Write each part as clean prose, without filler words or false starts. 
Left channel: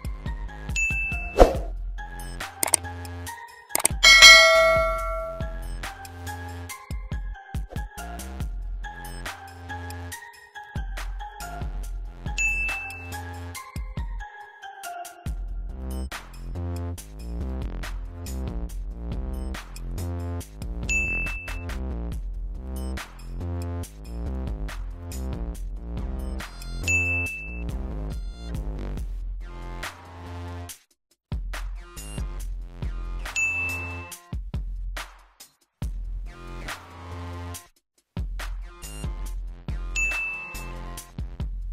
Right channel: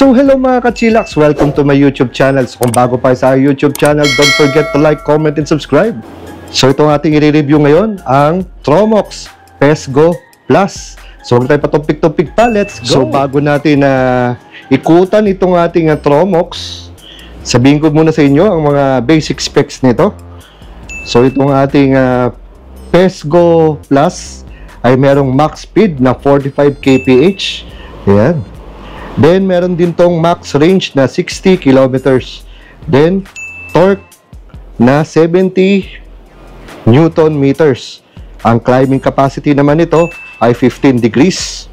So hello mga ka-chillax, welcome to my YouTube channel. So kung bago pa sa YouTube channel, don't forget to like, comment, and subscribe. So itong ating i-review ngayon, ang Tromox PESGO Plus. So huwag tayo patupik-tupik pa, let's go! So bago natin ikutan itong ating Tromox, sabihin ko muna sa inyo ang mga basic specs nito. So itong ating PESGO Plus ay merong max speed na 45 kph. Ayan. Then, meron din tong max range na 60 kilometers. Then, torque na 70 Newton meters. Ang climbing capacity naman nito ay 15 degrees.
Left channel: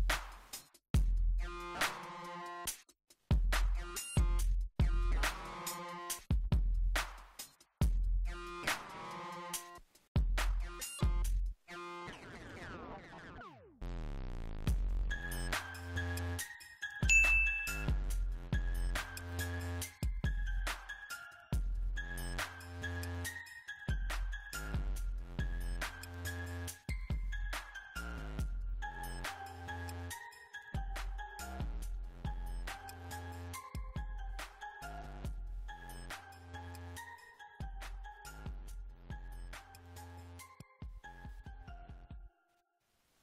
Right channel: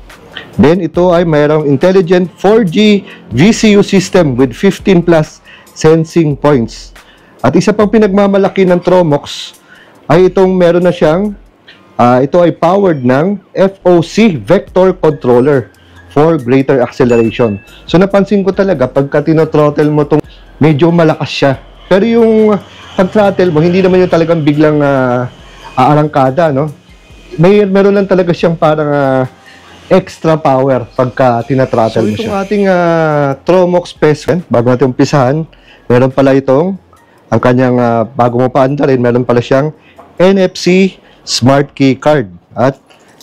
Then, ito ay mayroong intelligent 4G VCU system with 15 plus sensing points. At isa pang pinagmamalaki ng Tromox ay itong meron na siyang, ito ay powered ng FOC Vector Controller for greater acceleration. So napansin ko talaga pagka tino-throttle mo tong medyo malakas siya. Pero yung pag-throttle mo, hindi naman yung talagang biglang aarangkada, no? Meron lang talaga siyang parang extra power pagka tina-throttle mo siya. So itong ating Tromox PESGO, bago natin umpisahan, meron pala itong ang kanyang bago mo paandarin, meron pala siyang NFC Smart Key Card at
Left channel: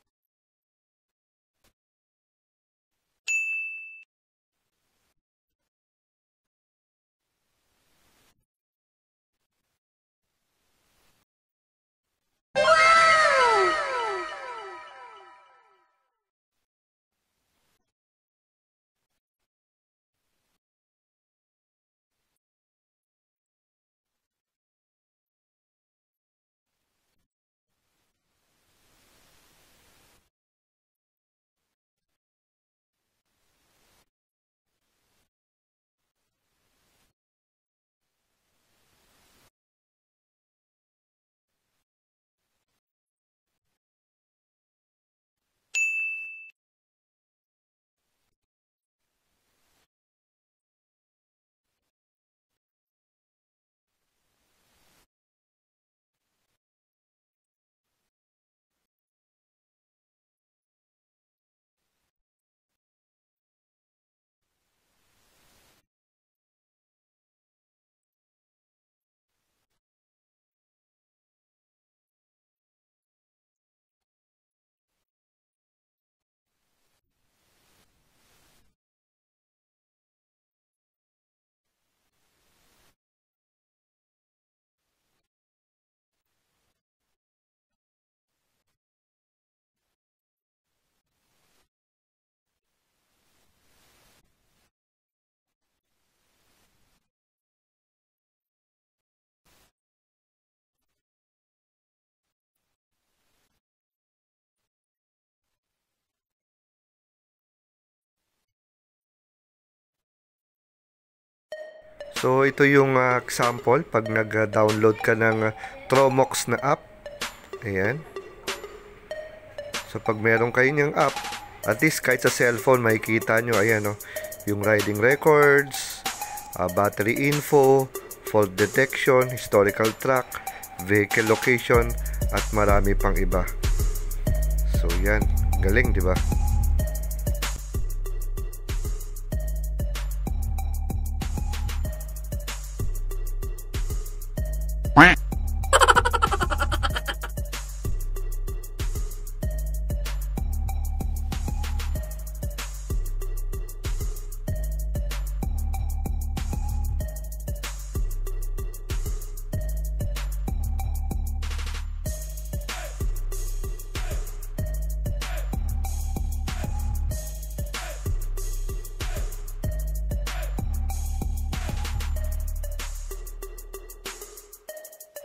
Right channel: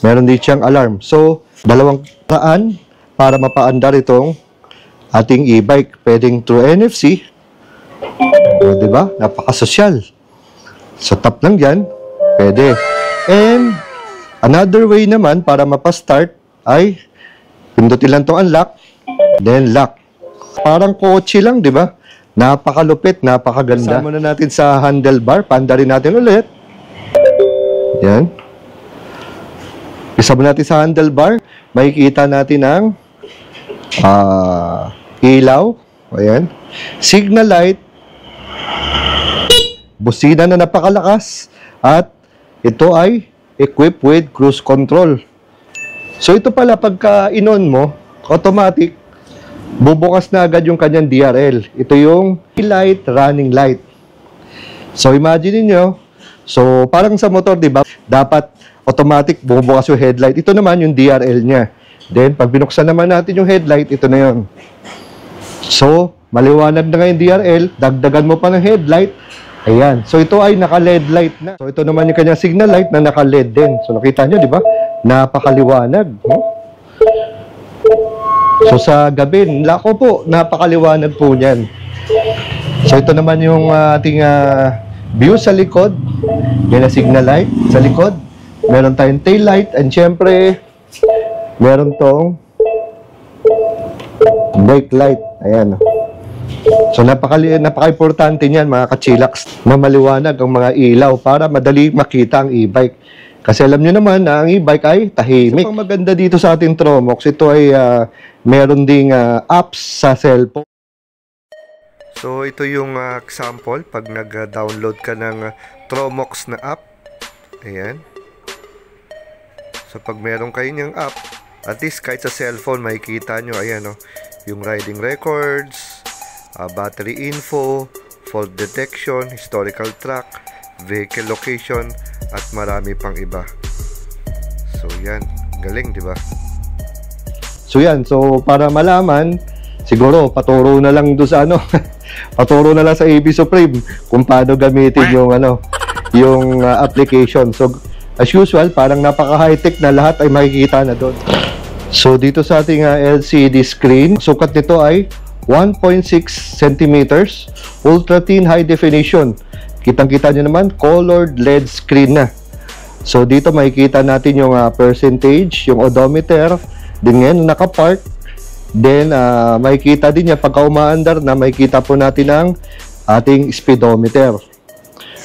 meron din siyang alarm. So 200 para mapaandar itong ating e-bike. Pwedeng through NFC. O, diba? Napakasosyal. So, tap lang dyan. Pwede. And, another way naman para mapastart ay pindutin lang itong unlock, then lock. Parang kotse lang, diba? Napakalupit, napakaganda. Sama na natin sa handlebar. Paandarin natin ulit. Yan. Isama natin sa handlebar. Makikita natin ang ilaw. Ayan. Signal light. Busina na napakalakas. At ito ay equipped with cruise control. So ito pala pagka in-on mo, automatic, bubukas na agad yung kanyang DRL. Ito yung light, running light. So imagine niyo, so parang sa motor, di ba? Dapat automatic bumubukas yung headlight. Ito naman yung DRL niya. Then, pag binuksan naman natin yung headlight, ito na yun. So, maliwanag na ngayon DRL, dagdagan mo pa ng headlight. Ayan. So, ito ay naka-LED light na. So, ito naman yung kanyang signal light na naka-LED din. So, nakita nyo, di ba? Napakaliwanag. No? So, sa gabi, lako po, napakaliwanag po niyan. So, ito naman yung ating view sa likod. Yan na signal light sa likod. Meron tayong tail light and syempre meron tong brake light. Ayan. So napaka-importante niyan mga ka-chillax na maliwanag ang mga ilaw para madali makita ang e-bike. Kasi alam niyo naman na ang e-bike ay tahimik. So, ang maganda dito sa ating Tromox, ito ay meron ding apps sa cellphone. So ito yung example pag nag-download ka ng Tromox na app. Ayan. So, pag meron kayo niyang app, at least kahit sa cellphone, makikita nyo, ayan, yung riding records, battery info, fault detection, historical track, vehicle location, at marami pang iba. So, yan. Galing, di ba? So, yan. So, para malaman, siguro, paturo na lang doon sa paturo na lang sa AB Supreme kung paano gamitin yung, yung application. So, as usual, parang napaka-high-tech na lahat ay makikita na doon. So, dito sa ating LCD screen, sukat nito ay 1.6 centimeters, ultra-thin high definition. Kitang-kita nyo naman, colored LED screen na. So, dito makikita natin yung percentage, yung odometer, din ngayon, nakapark. Then, makikita din niya, pagka umaandar na, makikita po natin ang ating speedometer.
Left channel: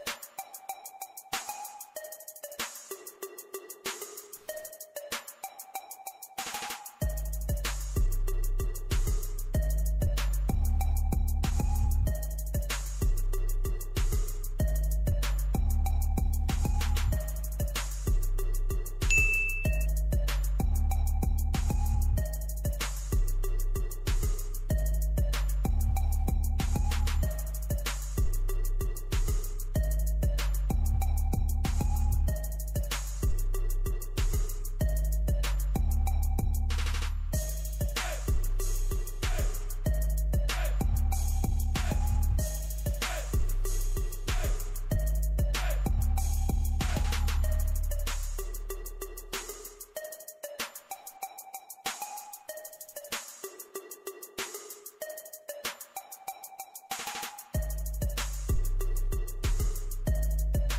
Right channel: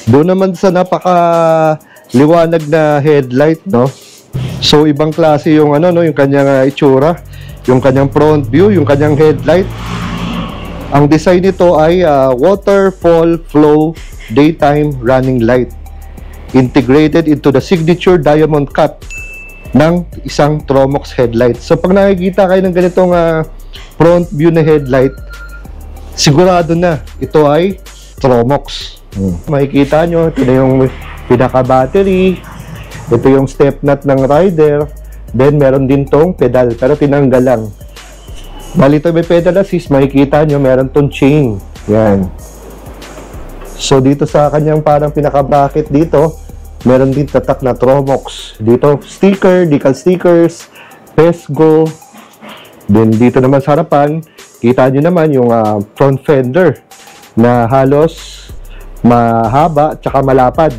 Doon naman sa liwanag na headlight, no? So, ibang klase yung yung kanyang itsura, yung kanyang front view, yung kanyang headlight. Ang design nito ay waterfall flow daytime running light integrated into the signature diamond cut ng isang Tromox headlight. So, pag nakikita kayo ng ganitong front view na headlight, sigurado na ito ay Tromox. Makikita nyo, ito na yung pinaka-battery, ito yung step nut ng rider, then meron din tong pedal, pero tinanggal lang. Bali ito may pedal assist, makikita nyo meron tong chain. Yan. So dito sa kanyang parang pinaka-bracket dito, meron din tatak na Tromox. Dito sticker, decal stickers, Pesgo. Then dito naman sa harapan, kita nyo naman yung front fender na halos mahaba tsaka malapad.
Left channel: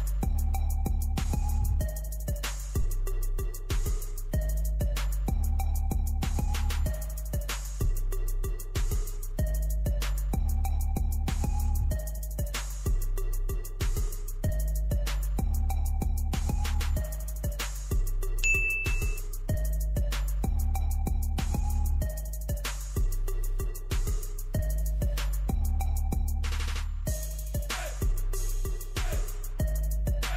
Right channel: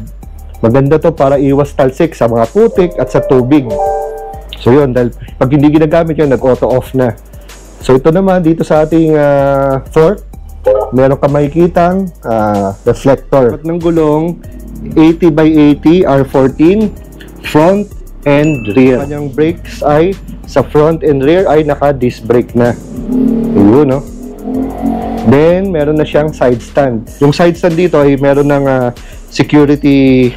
Maganda to para iwas talsik sa mga putik at sa tubig. So yun, dahil pag hindi ginagamit yun, nag-auto off na. So ito naman dito sa ating fork, meron ka makikitang reflector. At ng gulong 80 by 80 R14 front and rear. Kanyang brakes ay sa front and rear ay naka-disc brake na. Yun, no? Then meron na siyang side stand. Yung side stand dito ay meron ng security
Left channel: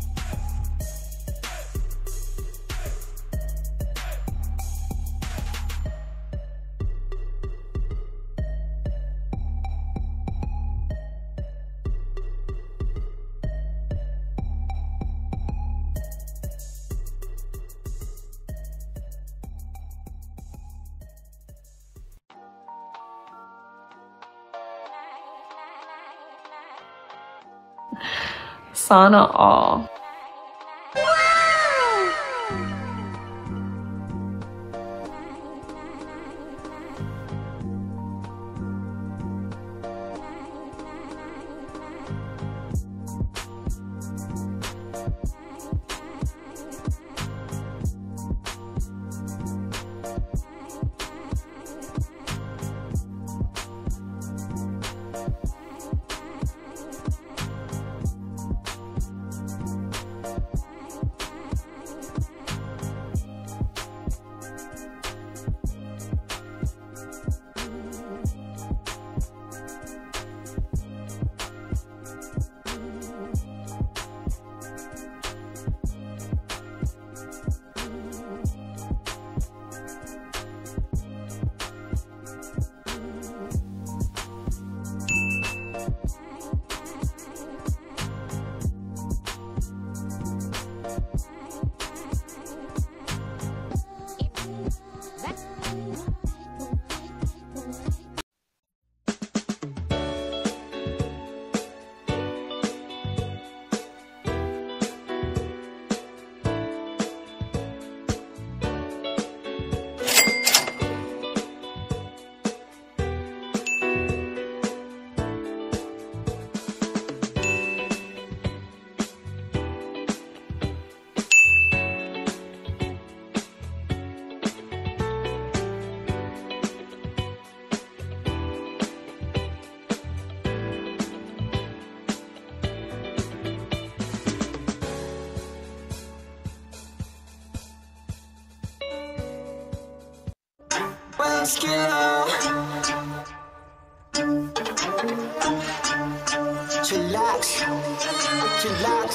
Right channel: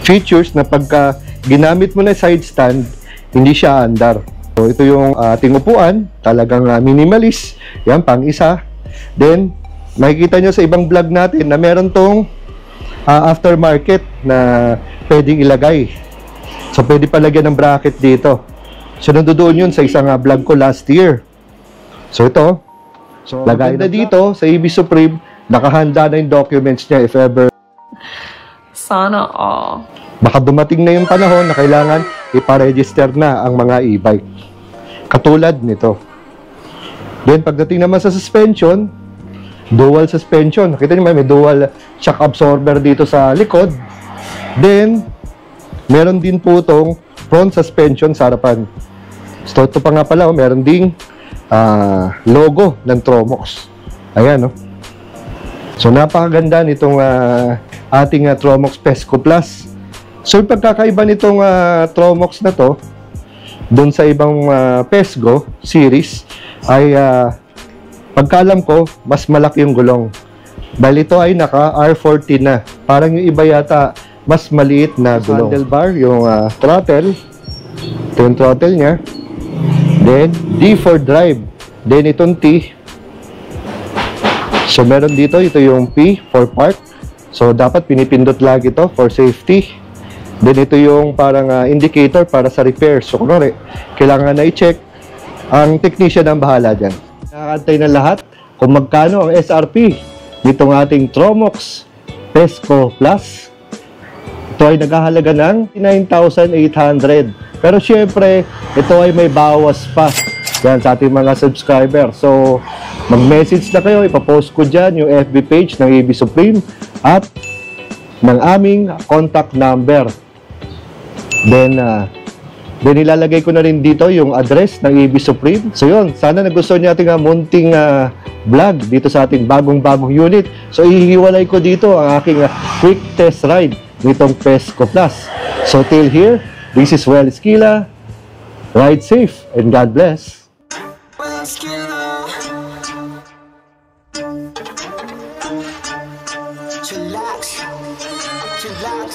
features na pagka ginamit mo na side stand, hindi siya andar. So, ito yung ating upuan, talagang minimalist. Yan, pang isa. Then, makikita nyo sa ibang vlog natin na meron tong aftermarket na pwedeng ilagay. So, pwede palagyan ng bracket dito. So, nandoon yun sa isang vlog ko last year. So, ito. So, lagay na dito sa EB Supreme, nakahanda na yung documents niya if ever. Sana all. Baka dumating na yung panahon na kailangan iparegister na ang mga e-bike. Katulad nito. Then pagdating naman sa suspension, dual suspension. Nakita niyo may dual shock absorber dito sa likod. Then meron din po itong front suspension sa harapan. So ito pa nga pala, meron ding logo ng Tromox. Ayan, no? So napakaganda nitong ating Tromox Pesco Plus. So yung pagkakaiba nitong Tromox na to doon sa ibang Pesgo series ay pagkaalam ko mas malaki yung gulong. Dahil ito ay naka R14 na. Parang yung iba yata mas maliit na gulong. Handlebar, yung throttle. Ito yung throttle niya. Then D for drive. Then itong T. So meron dito, ito yung P for park. So dapat pinipindot lagi ito for safety. Then ito yung parang indicator para sa repair. So kunwari, kailangan na i-check. Ang technician ang bahala dyan. Nakakantay na lahat kung magkano ang SRP nitong ating Tromox Pesco Plus. Ito ay naghahalaga ng 9,800. Pero syempre, ito ay may bawas pa yan sa ating mga subscriber. So mag-message na kayo, ipapost ko dyan yung FB page ng EB Supreme at ng aming contact number. Then ilalagay ko na rin dito yung address ng EB Supreme. So yun, sana nagustuhan niyo ating munting vlog dito sa ating bagong unit. So ihiwalay ko dito ang aking quick test ride nitong Pesco Plus. So till here, this is Well Esquila. Ride safe and God bless. Well Esquila. Chillax. Chillax.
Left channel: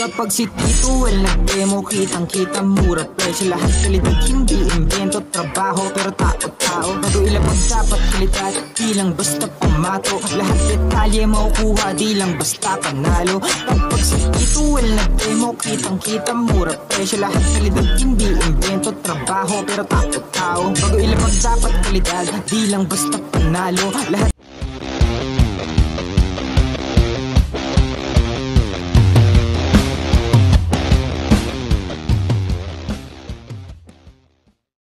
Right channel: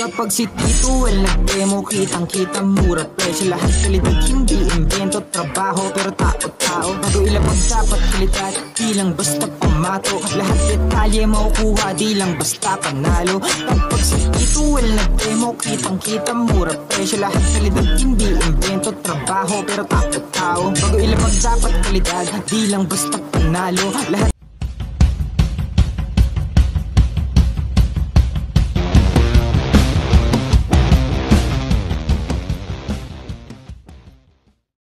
Kapag si Tito Well nag-demo, kitang-kita mura presyo. Lahat kalidad, hindi invento, trabaho pero tao-tao. Bago ilapag dapat kalidad, di lang basta pamato. Lahat detalye makukuha, di lang basta panalo. Kapag si Tito Well nag-demo, kitang-kita mura presyo. Lahat kalidad, hindi invento, trabaho pero tao-tao. Bago ilapag dapat kalidad, di lang basta panalo. Lahat